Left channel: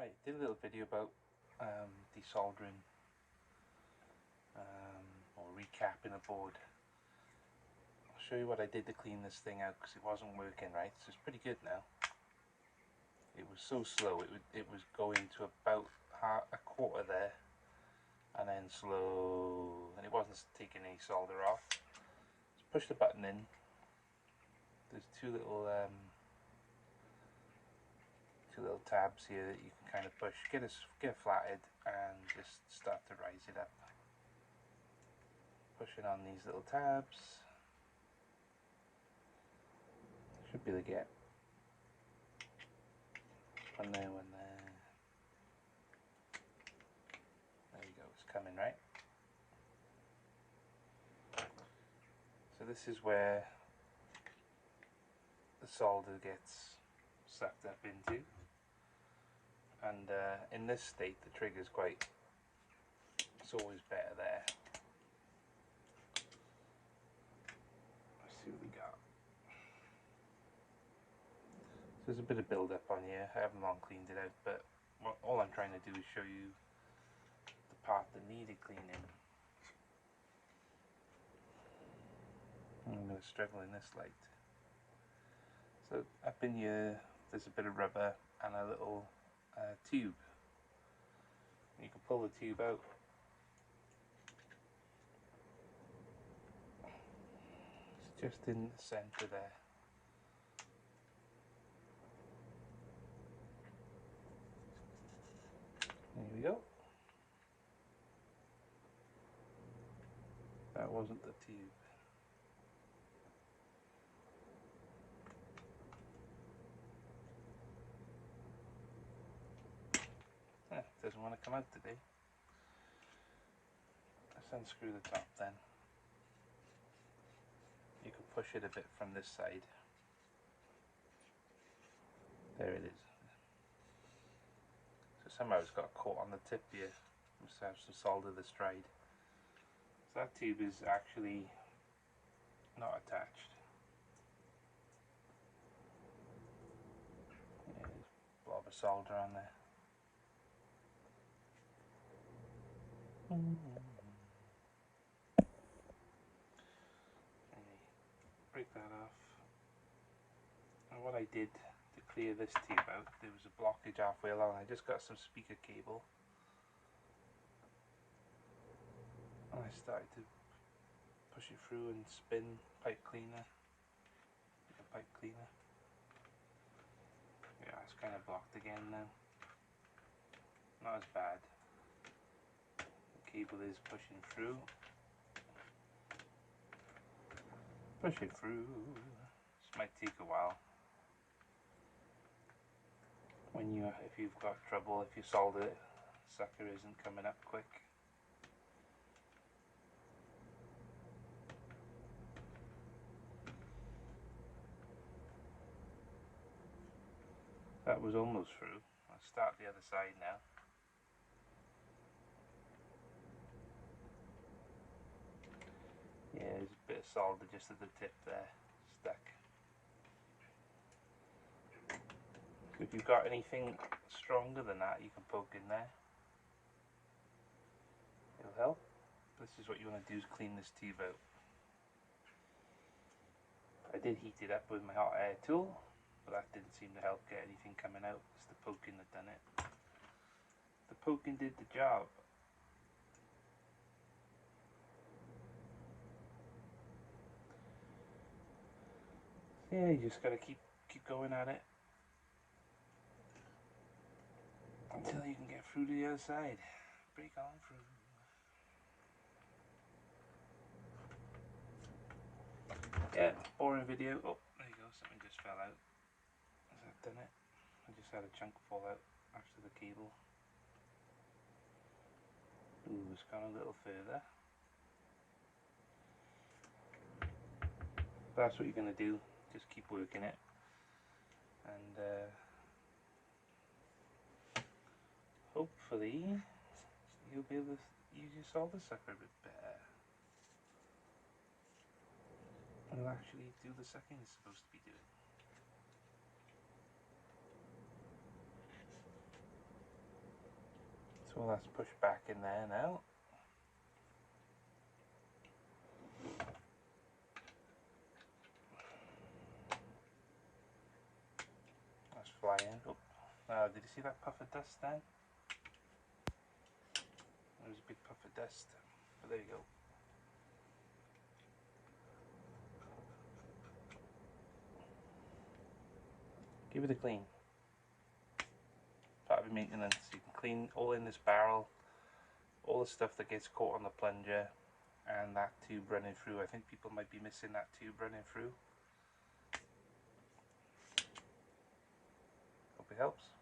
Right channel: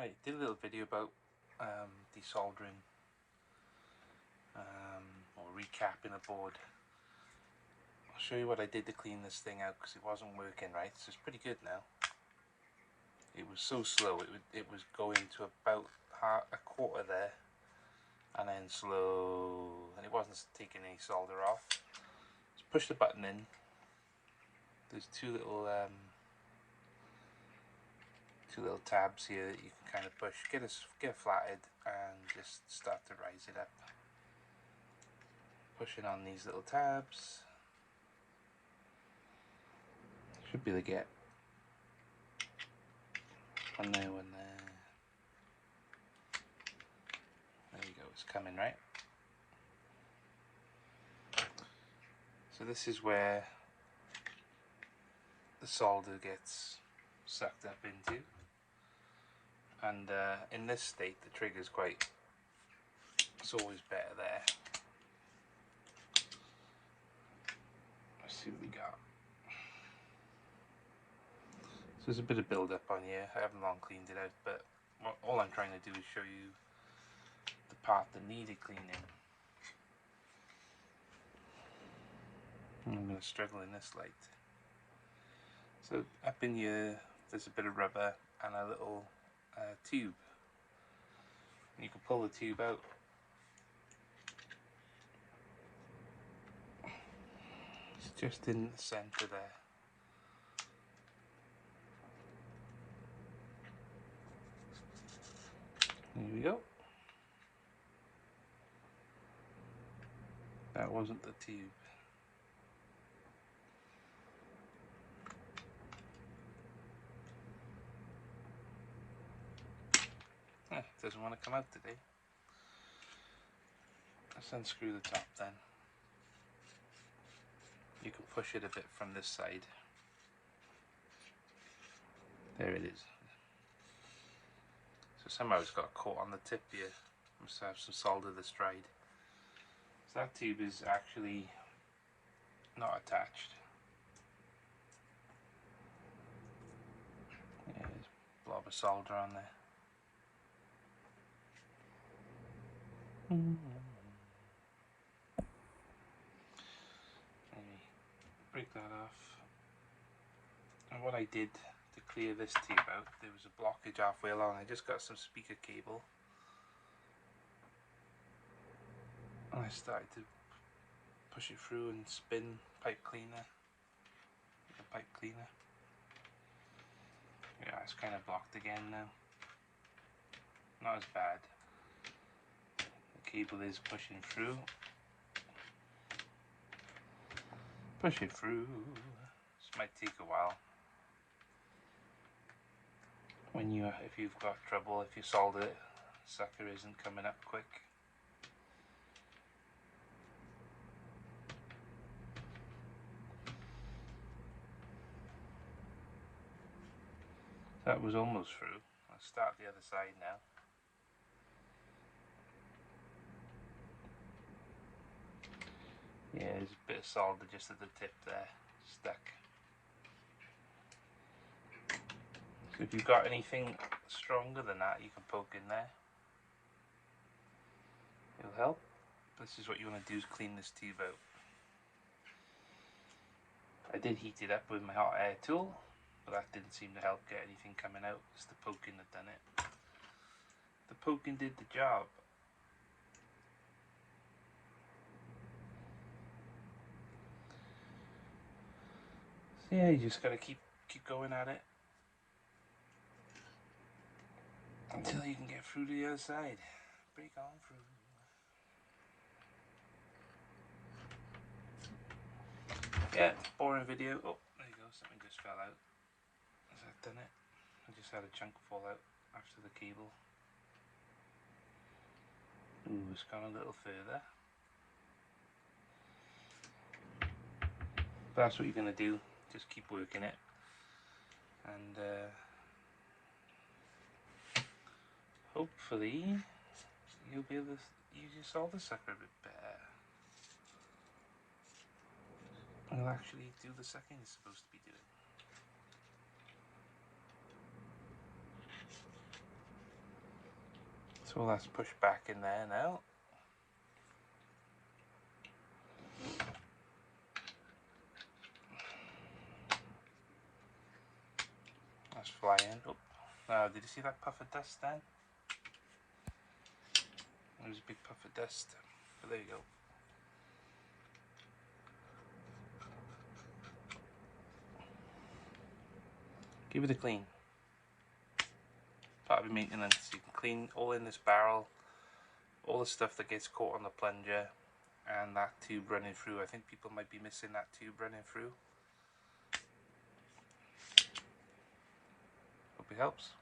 Right, did a little video about desoldering or recapping a board. I'll show you what I did to clean this thing out because it wasn't working right. So it's pretty good now. It was so slow, it was going to about a quarter there and then slow, and it wasn't taking any solder off. Just push the button in. There's two little tabs here that you can kind of push, get it flatted and just start to rise it up. Pushing on these little tabs. Should be able to get one there, one there. There we go, it's coming right. So this is where the solder gets sucked up into. And in this state the trigger's it's always better there. Let's see what we got. So there's a bit of build up on here. I haven't long cleaned it out, but all I'm trying to do is show you the part that needed cleaning. I'm going to struggle in this light. So up in here there's a bit of rubber and a little tube. You can pull the tube out. It's just in the center there. Here we go. That wasn't the tube. Doesn't want to come out today. Let's unscrew the top then. You can push it a bit from this side. There it is. So somehow it's got caught on the tip here. Must have some solder that's dried. So that tube is actually not attached. Yeah, there's a blob of solder on there. Break that off. And what I did to clear this tape out, there was a blockage halfway along. I just got some speaker cable and I started to push it through and spin pipe cleaner. Yeah, it's kind of blocked again now. Not as bad. The cable is pushing through. Pushing through. This might take a while. If you've got trouble, if your solder sucker isn't coming up quick. That was almost through. I'll start the other side now. Yeah, there's a bit of solder just at the tip there, stuck. So if you've got anything stronger than that, you can poke in there. It'll help. This is what you want to do, is clean this tube out. I did heat it up with my hot air tool, but that didn't seem to help get anything coming out. It's the poking that done it. The poking did the job. So yeah, you just gotta keep going at it until you can get through to the other side. Break on through. Yeah, boring video. Oh, there you go, something just fell out. Has that done it? I just had a chunk fall out after the cable. Ooh, it's gone a little further. But that's what you're going to do, just keep working it. And hopefully you'll be able to use your solder sucker a bit better. It'll actually do the sucking it's supposed to be doing. So that's pushed back in there now. That's flying. Oh, did you see that puff of dust then? There's a big puff of dust. But there you go. Give it a clean. Part of your maintenance. You can clean all in this barrel, all the stuff that gets caught on the plunger, and that tube running through. I think people might be missing that tube running through. Hope it helps.